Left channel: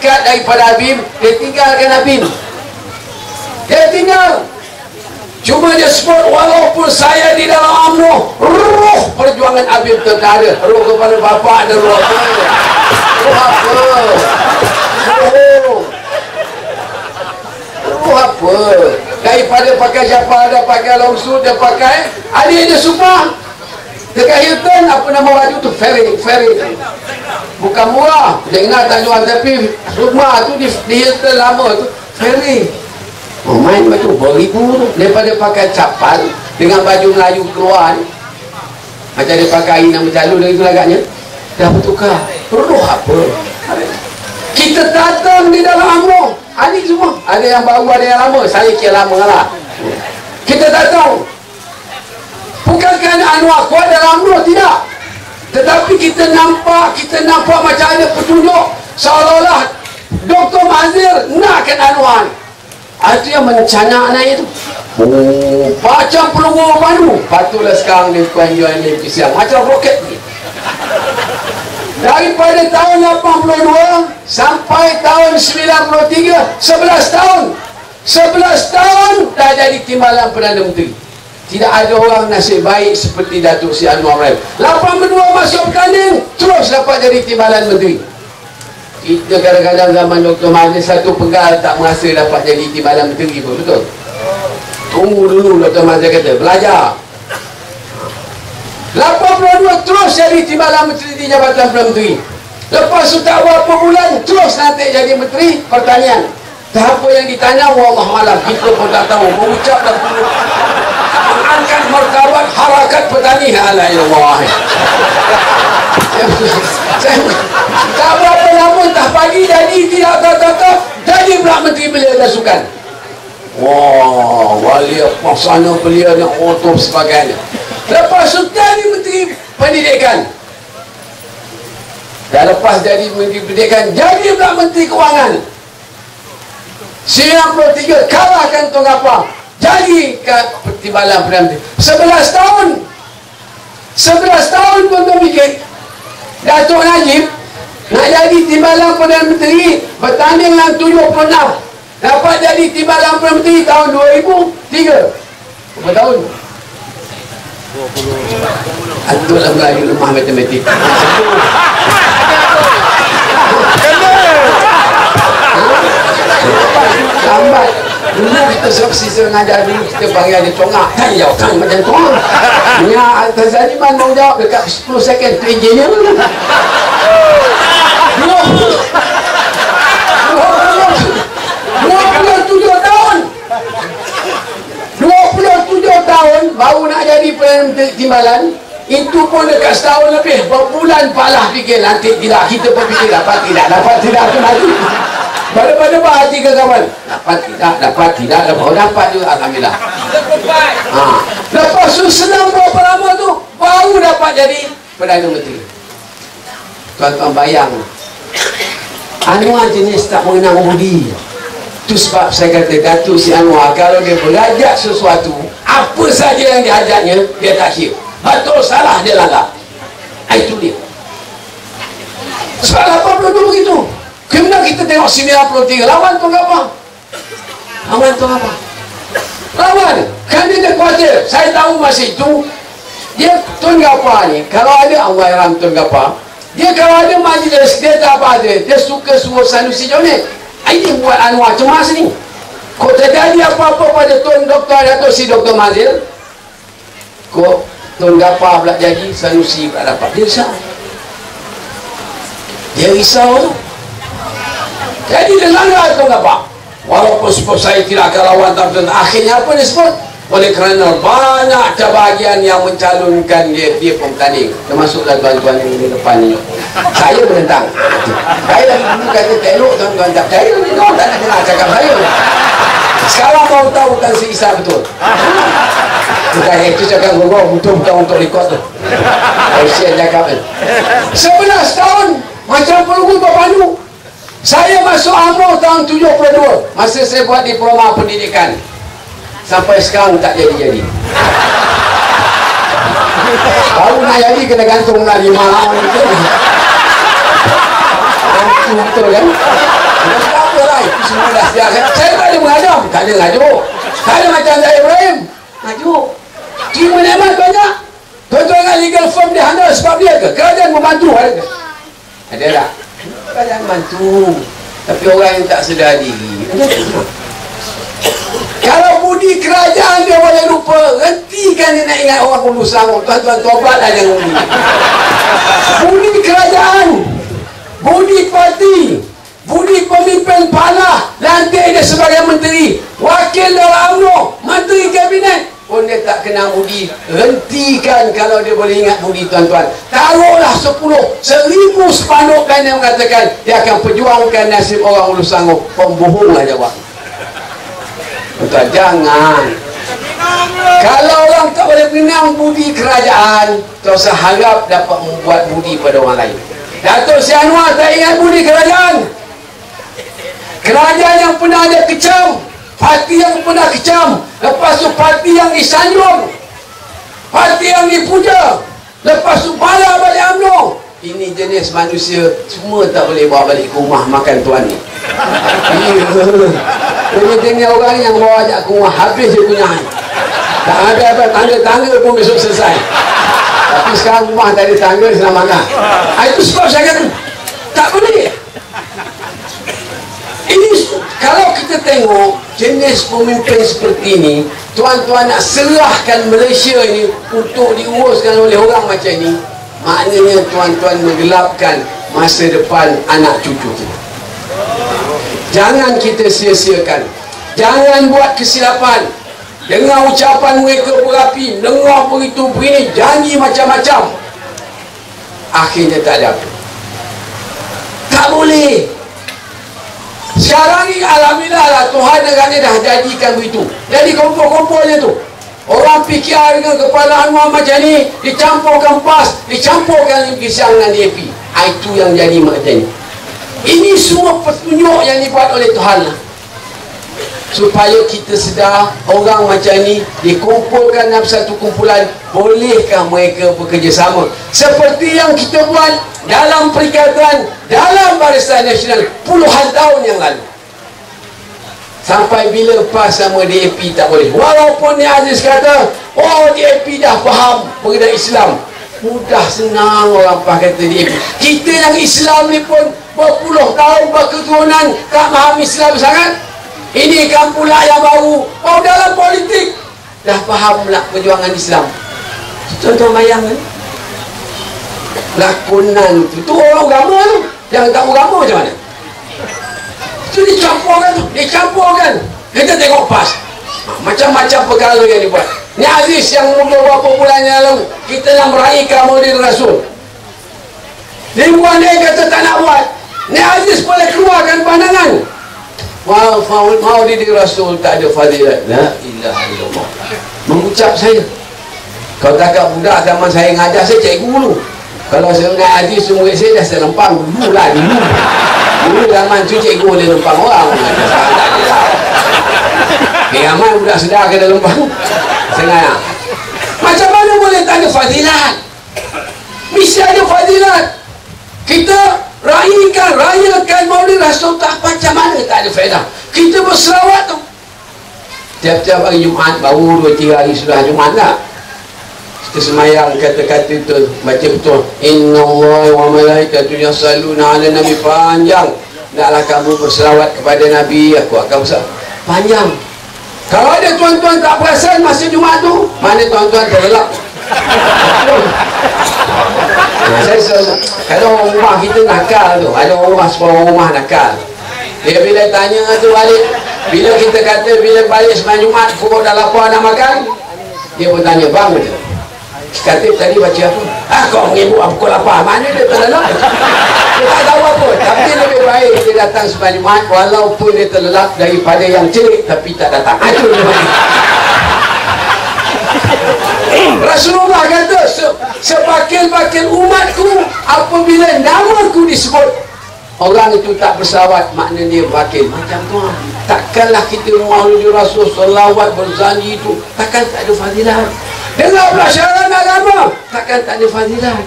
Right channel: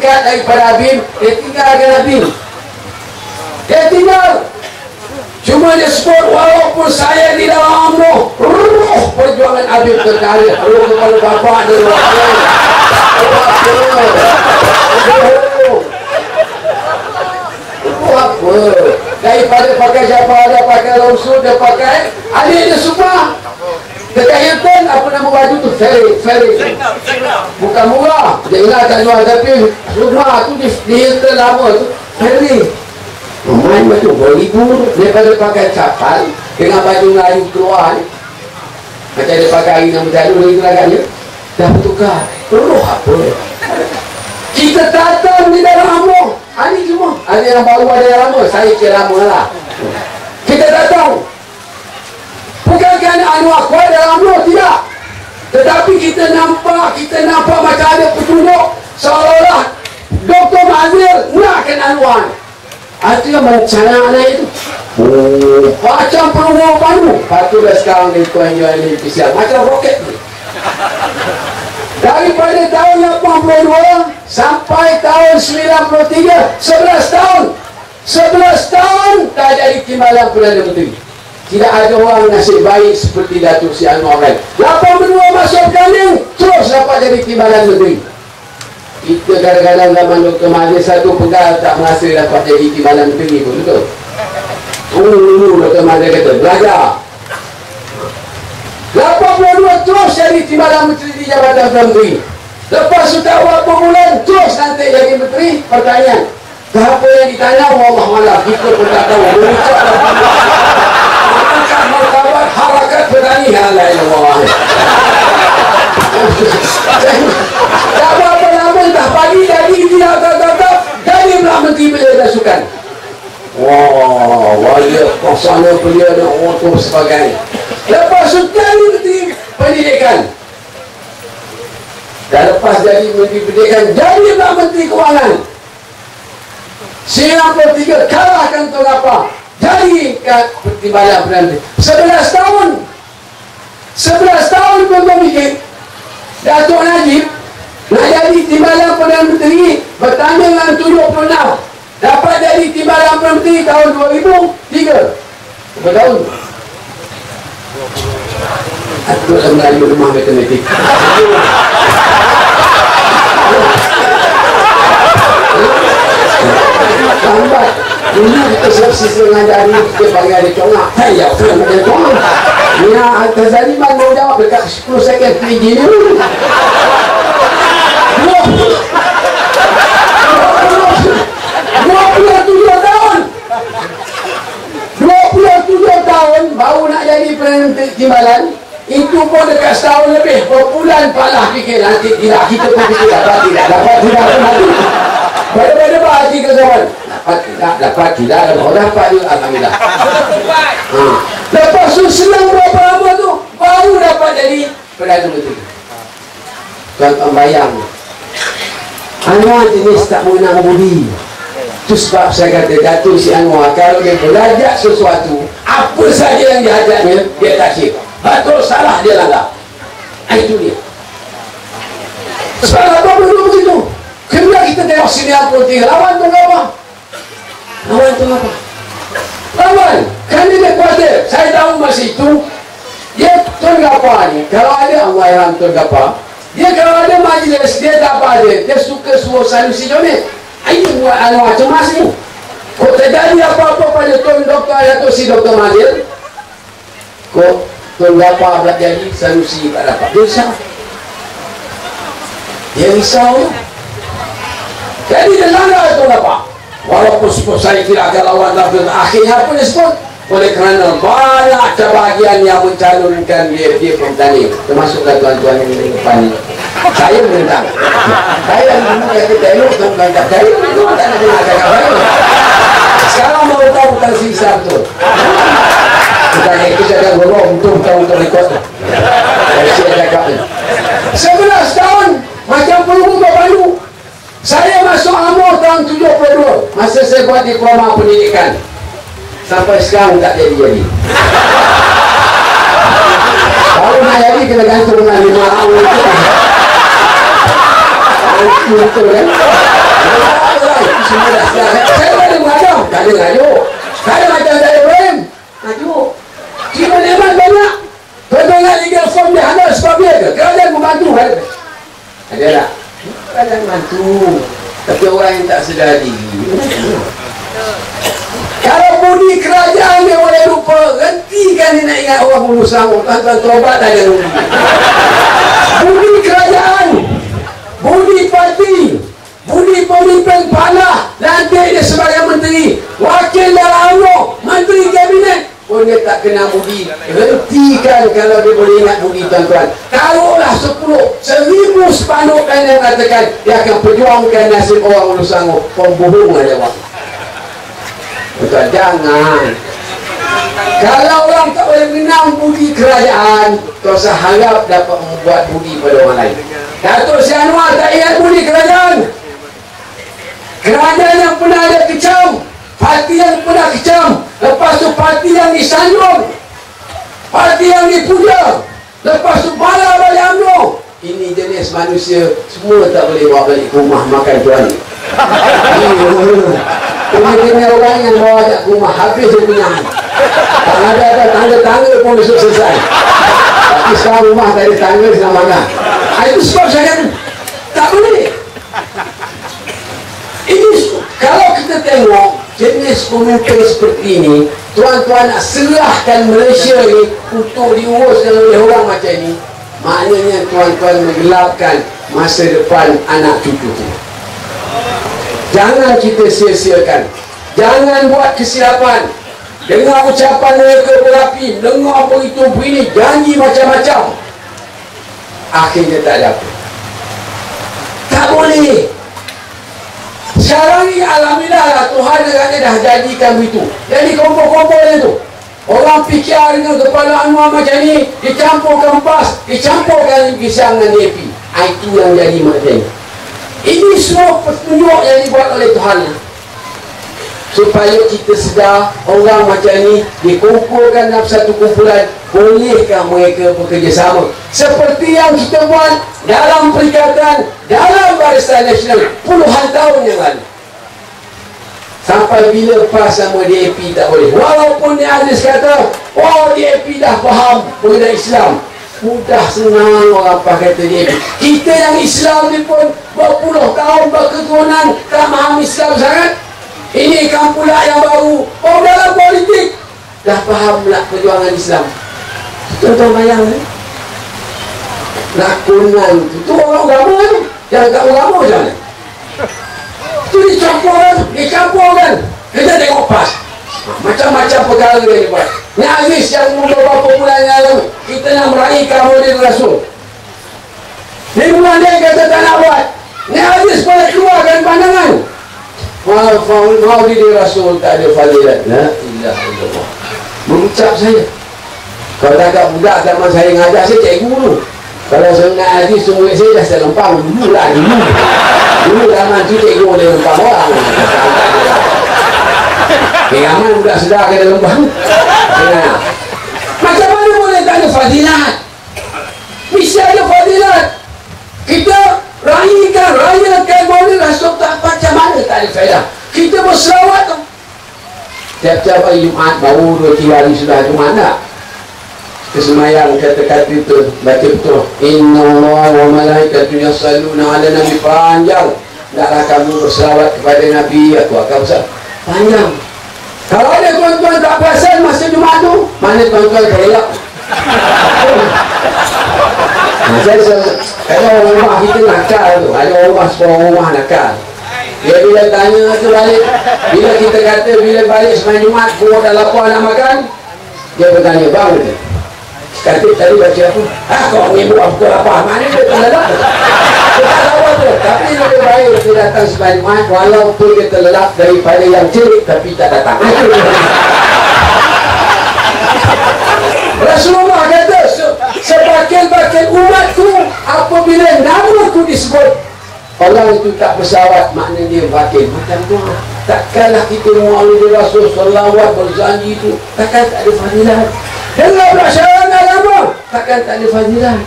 tingkat daripada Abim, dia tinggalkan Abim. Dia tinggal. Cuma dia sebut, walaupun saya di dalam UMNO, ruh perjuangan Abim tak ada. Ruh kepala bapa ada ruh apa? Ruh apa? Ruh apa? Daripada pakai siapa ada pakai langsung, dia pakai adik dia semua. Dekat Hilton, apa nama baju tu? Ferry. Bukan murah. Jangan tak jual, tapi rumah tu di Hilton lama tu Ferry. Main baju beribu daripada pakai capal dengan baju Melayu keluar ni. Macam dia pakai air nama jalur dari itu agaknya. Dah bertukar. Ruh apa? Kita datang di dalam UMNO. Ini semua. Ada yang baru, ada yang lama. Saya kira lama lah. Kita datang. Bukan kerana Anwar kuat dalam UMNO, tidak. Tetapi kita nampak macam ada petunjuk seolah-olah Dr. Mazir nakkan Anwar. Itu yang mencanak naik itu. Macam peluru padu. Patutlah sekarang ni tuan jual ni spesial. Macam roket ni. Daripada tahun 82 sampai tahun 93, 11 tahun. 11 tahun dah jadi timbalan Perdana Menteri. Tidak ada orang nasib baik seperti Datuk Seri Anwar Ibrahim. 82 masuk berkanding, terus dapat jadi timbalan menteri. Kita kadang-kadang zaman Dr. Mahathir satu pegal tak merasa dapat jadi timbalan menteri pun, betul? Tunggu dulu, Dr. Mahathir kata, belajar. 82 terus jadi timbalan menteri di Jabatan Perdana Menteri. Lepas tu tak berapa bulan, terus nanti jadi menteri pertanian. Apa yang ditanya, wallahualam, kita pun tak tahu. Berucap dan angkat martabat harakat petani. La ilallah. Tak berapa lama, entah pagi jadi dia tetap jadi pula Menteri Belia dan Sukan. Wah, wali pelaksana belia dan otor sebagainya. Lepas tu jadi Menteri Pendidikan. Dan lepas jadi Menteri Pendidikan, jadi pula Menteri Kewangan. 93 kalahkan Tun Gapang. Jadi timbalan Perdana Menteri. 11 tahun. 11 tahun pun berfikir Datuk Najib nak jadi timbalan Perdana Menteri, bertanding dalam 76. Dapat jadi timbalan Perdana Menteri tahun 2003. Berapa tahun? 20. Itu dalam Melayu rumah matematik. Lambat. Dulu kita sisa mengajar dulu, kita panggil ada congak. Tayau kan macam congak. Punya atas Zaliman mau jawab dekat 10 second tingginya. 27 tahun. 27 tahun baru nak jadi Perdana Timbalan. Itu pun dekat setahun lebih. Berbulan palah fikir nanti tidak. Kita pun fikir dapat tidak aku mati. Pada hati ke kawan. Dapat tidak. Dapat juga, alhamdulillah. Lepas tu senang berapa lama tu baru dapat jadi Perdana Menteri. Tuan-tuan bayang, Anwar jenis tak mengenang budi. Itu sebab saya kata Datuk Seri Anwar kalau dia belajar sesuatu, apa saja yang diajarnya dia tak kira. Betul salah dia langgar. Itu dia. Sebab apa dulu begitu. Kemudian kita tengok 93 lawan tu apa? Lawan tu apa? Lawan. Kan dia khawatir. Saya tahu masa itu dia Tun Gapar ni, kalau ada Allahyarham Tun Gapar, dia kalau ada majlis dia tak apa ada. Dia suka suruh Sanusi Jonet. Ini buat Anwar cemas ni. Kok terjadi apa-apa pada Tun Dr. Datuk Seri Dr. Mahathir, kok Tun Gapar pula jadi Sanusi tak dapat. Dia risau tu. Jadi dia langgar Tun Gapar. Walaupun sebut saya tidak akan lawan, tapi akhirnya apa dia sebut? Oleh kerana banyak kebahagiaan yang mencalonkan dia pun bertanding, termasuklah tuan-tuan ini depan ni. Saya menentang. Saya dulu kata tak elok tuan-tuan, tak percaya. Tuan tak nak dengar cakap saya. Sekarang baru tahu bukan sisa betul. Bukan itu cakap guru betul-betul untuk rekod tu. Saya cakap ni 11 tahun macam peluru berpandu. Saya masuk UMNO tahun 72. Masa saya buat diploma pendidikan, sampai sekarang tak jadi-jadi. Baru nak jadi kena gantung dengan 5 tahun itu. Betul kan? semua dah sedar. Saya tak ada mengajar. Tak ada ngajuk. Tak ada macam saya Ibrahim. Ngajuk. Terima nikmat banyak. Tuan-tuan nak legal form dia handal sebab dia ke? Kerajaan membantu. Ada tak? Kerajaan membantu. Tapi orang yang tak sedar diri. Kalau budi kerajaan dia boleh lupa, hentikan dia nak ingat orang Hulu Sanggup. Tuan-tuan tobatlah jangan budi. Budi kerajaan, budi parti, budi pemimpin panah, lantik dia sebagai menteri, wakil dalam UMNO, menteri kabinet. Pun dia tak kena budi. Hentikan kalau dia boleh ingat budi, tuan-tuan. Taruhlah 10,000 spanduk yang mengatakan dia akan perjuangkan nasib orang Hulu Sanggup. Pembohong lah jawab. Tuan, jangan. Kalau orang tak boleh mengenang budi kerajaan, tak usah harap dapat membuat budi pada orang lain. Datuk Seri Anwar tak ingat budi kerajaan. Kerajaan yang pernah ada kecam, parti yang pernah kecam, lepas tu parti yang disanjung, parti yang dipuja, lepas tu bala balik UMNO. Ini jenis manusia semua tak boleh bawa balik ke rumah makan tuan ni. Ini jenis orang yang bawa ajak ke rumah habis dia punya. Tak ada apa tangga-tangga pun besok selesai. Tapi sekarang rumah tak ada tangga senang makan. Itu sebab saya kata tak boleh. Ini kalau kita tengok jenis pemimpin seperti ini, tuan-tuan nak serahkan Malaysia ini untuk diuruskan oleh orang macam ini, maknanya tuan-tuan menggelapkan masa depan anak cucu kita. Jangan kita sia-siakan. Jangan buat kesilapan. Dengar ucapan mereka berapi, dengar begitu begini, janji macam-macam, akhirnya tak ada apa. Tak boleh. Sekarang ni alhamdulillah lah, Tuhan agaknya dah jadikan begitu. Jadi kompol-kompolnya tu, orang PKR dengan kepala Anwar macam ni, dicampurkan PAS, dicampurkan pisang dengan DAP. Itu yang jadi macam ni. Ini semua petunjuk yang dibuat oleh Tuhan lah, supaya kita sedar orang macam ni dikumpulkan dalam satu kumpulan. Bolehkah mereka bekerjasama seperti yang kita buat dalam Perikatan, dalam Barisan Nasional puluhan tahun yang lalu? Sampai bila PAS sama DAP tak boleh? Walaupun Nia Aziz kata, oh DAP dah faham mengenai Islam. Mudah senang orang PAS kata DAP. Kita yang Islam ni pun berpuluh tahun berketurunan tak faham Islam sangat. Ini kan pula yang baru. Oh, dalam politik dah faham pula perjuangan Islam. Tuan-tuan bayangkan lakonan tu orang agama tu. Yang tak agama macam mana? Itu dicampurkan. Kita tengok PAS, macam-macam perkara yang dibuat. Ni Aziz yang muda beberapa bulan yang lalu, kita nak meraihkan Maulid Rasul. Lingkungan dia kata tak nak buat. Ni Aziz boleh keluarkan pandangan, Maulid Rasul tak ada fadilat. La ilaha illallah. Mengucap saya, kalau tak kat budak zaman saya ngajar, saya cikgu dulu. Kalau saya mengaji semua saya dah selempang dulu lah. Dulu zaman tu cikgu boleh lempang orang. Ramai budak sedar kena lempang. Macam mana boleh tak ada fadilat? Mesti ada fadilat. Kita rayakan Maulid Rasul tak macam mana tak ada faedah. Kita berselawat tu tiap-tiap hari Jumaat, baru 2-3 hari sudah Jumaat tak? Kita semayang kata-kata tu, baca betul, Inna Allah wa malaikatu yusalluna ala Nabi, panjang. Naklah kamu berselawat kepada Nabi, aku akan berselawat panjang. Kalau ada tuan-tuan tak perasan masa Jumaat tu, mana tuan-tuan terlelap. Kalau rumah kita nakal tu, ada rumah sebuah rumah nakal, dia bila tanya tu balik, bila kita kata bila balik sembahyang Jumaat pukul dah lapar nak makan, dia bertanya, bang dia kata tadi baca apa? Kau mengibu pukul lapar, mana dia terlelap? Dia tak tahu apa. Tapi lebih baik dia datang sembahyang Jumaat walaupun dia terlelap daripada yang celik tapi tak datang. Rasulullah kata, sebakil-bakil umatku apabila namaku disebut, orang itu tak bersahabat, maknanya dia bakil. Macam tu, takkanlah kita Maulid Rasul salawat berzanji itu, takkan tak ada fadilat. Dengar pelajaran agama, takkan tak ada fadilat.